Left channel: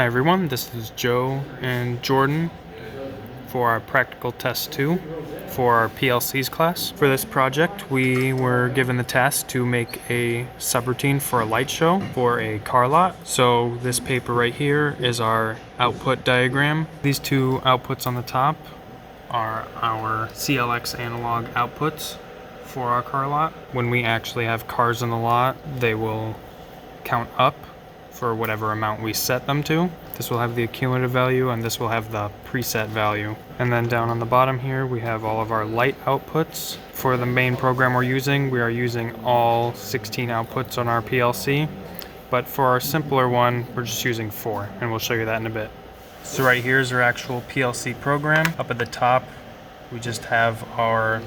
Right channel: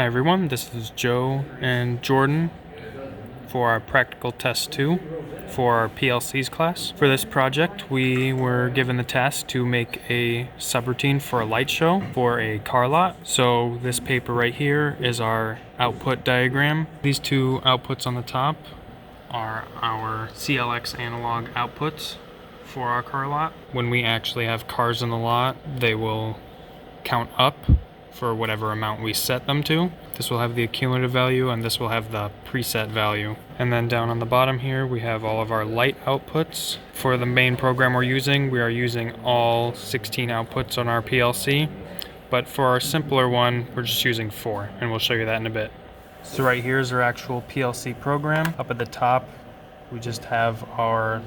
Hi everyone, this is Joe and Jordan for our practical test 2 for our PLCs class. For this project, we were given the task to make a subroutine for a light show for a car lot. So this paper right here is our output diagram. These two outputs on the top are our CLX analog outputs for our car lot. When we actually have cars in the lot, they will count up for whatever amount we set them to. This will have the cumulative value and this will have the preset value. And then down on the bottom here we have all of our light outputs. For the main program we are using all 16 outputs on our PLC, but for our simpler one we're just using 4, and we'll show you that in a bit. So right here is our actual PLC program. Up at the top we just have our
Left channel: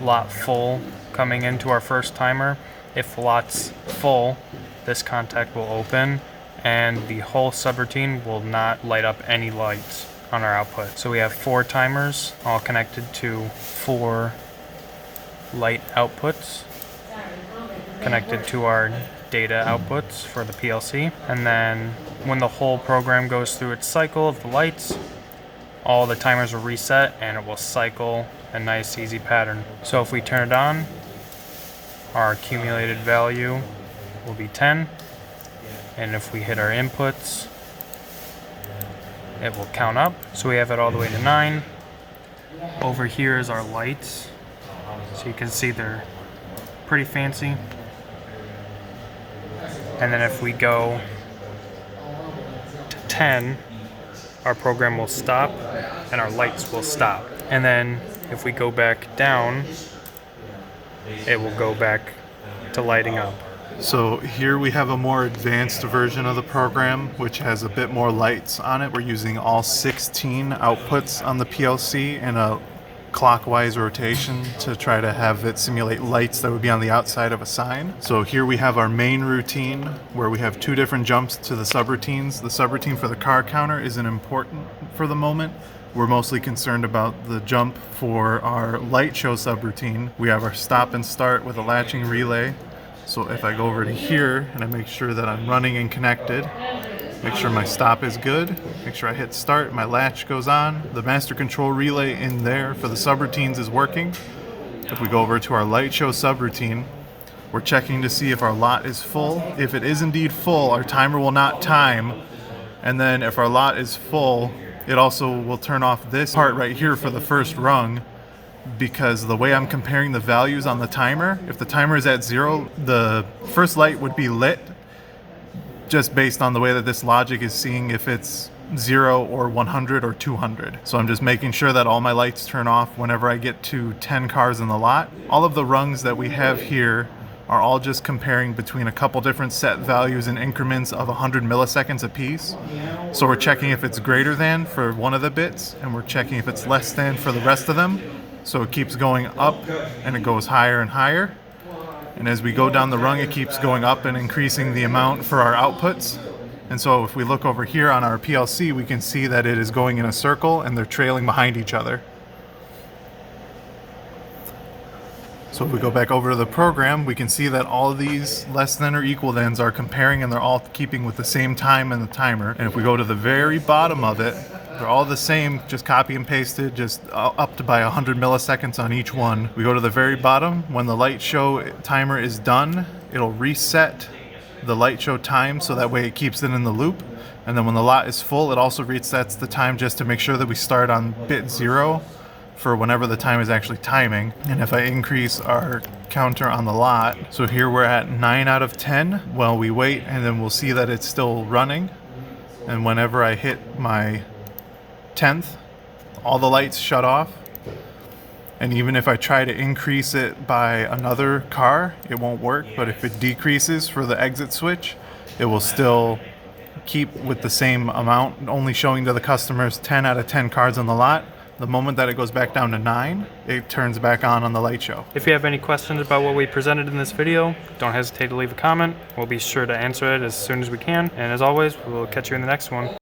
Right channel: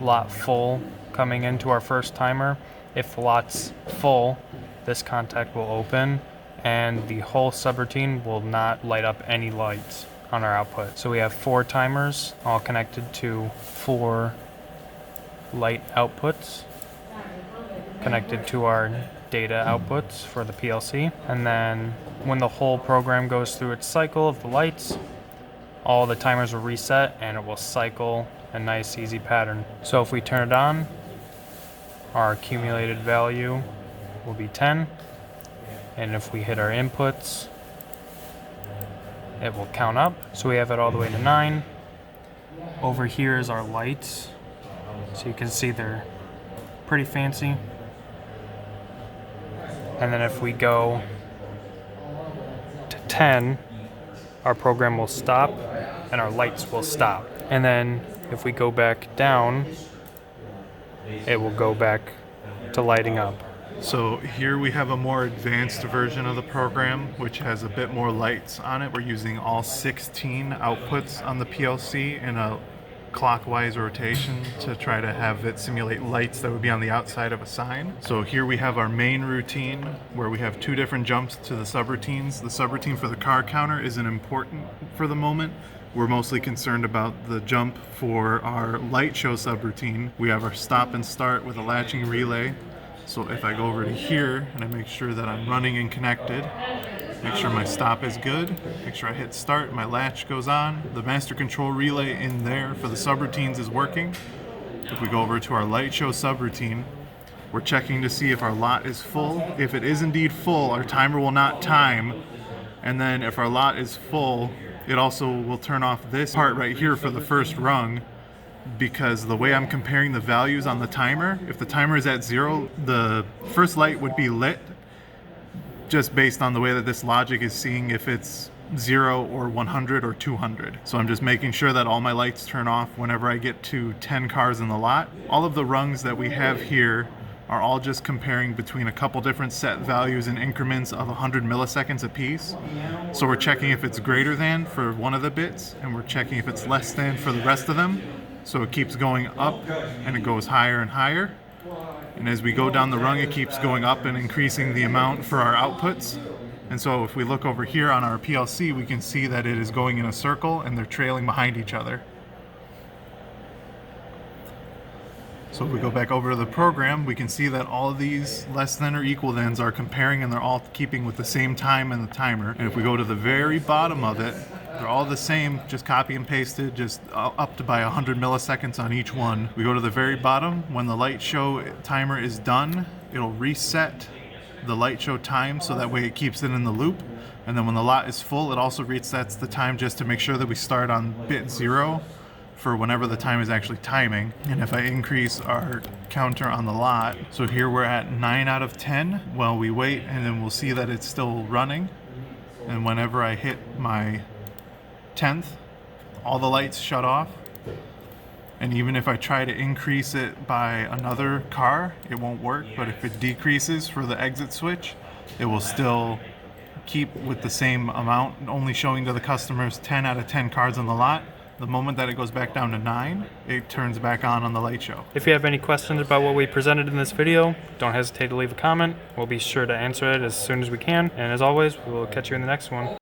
lot full coming into our first timer. If the lot's full, this contact will open and the whole subroutine will not light up any lights on our output. So we have 4 timers all connected to 4 light outputs connected to our data outputs for the PLC. And then when the whole program goes through its cycle of the lights, all the timers will reset and it will cycle a nice easy pattern. So if we turn it on, our accumulated value will be 10, and if we hit our inputs it will count up, so we have it all the way to 9. Over here is our lights, so you can see they're pretty fancy. And then if we go to 10, our program will stop and our lights will stop. And then if we go back down, it will go back to lighting up. So here we have a more advanced version of the program, which has a bit more lights on it. We're using all 16 outputs on the PLC in a clockwise rotation to try to have it simulate lights that would be on the outside of a sign. So here we have our main routine where we have 2 different jumps to the subroutines. The subroutine for the car counter isn't important for the moment. We're mostly concerned about the jump for our light show subroutine. We have our stop and start with a latching relay. So if I go over to here and I make sure that I'm running and connected, make sure my stop is good, make sure I hit start, my latch goes on, the master control relay in there for the subroutines is working. If we go over to our light show subroutine, we're checking to see if our lot is full. If it is indeed full, our timer will not time. And then if our lot is full, it also will turn off this part right here for the first rung, because the way I'm comparing the values on the timer, if the timer is at 0, the first light would be lit just based on the way that this logic is seeing if it's 0 or 100 or 200. So I'm just making sure that all my lights turn off whenever I get to 10 cars in the lot. All of the rungs that we have here are all just comparing between a couple different set values in increments of 100 milliseconds apiece. So we're checking if it's greater than for one of the bits, and we're checking if it's less than for the rest of them. So it keeps going up and it goes higher and higher. And as we go down the rung, it keeps going up and increasing the amount for our outputs. And so if we look over here on our PLC, we can see that it is going in a circle and they're trailing behind each other. So if we go back over to the program, we can see that all of these less than or equal thans are comparing and they're all keeping with the same time and the timer. And if we go to the very bottom of it, they're all the same, just copy and pasted, just up to by 100 milliseconds on each one. We go to the very bottom, when the light show timer is done, it'll reset the light show time so that way it keeps it in the loop. And then when the lot is full, it also resets the time just to make sure that we start on bit 0 for whenever the time is actually timing. And if I increase our counter on the lot, so here we're at 9 out of 10. Well, we wait and then we'll see that it's still running. And whenever I hit my 10th, all the lights shut off. And even if I try to increase it by another car, it won't work. But if it decreases for the exit switch, it will still keep with the same amount, only showing to the customers 10 out of 10 cars on the lot. The moment that it goes back down to 9, it turns back on the light show. If you have any questions about what we presented in this video, don't hesitate to leave a comment. We'll be sure to answer it as soon as we can. And as always, we'll catch you in the next one.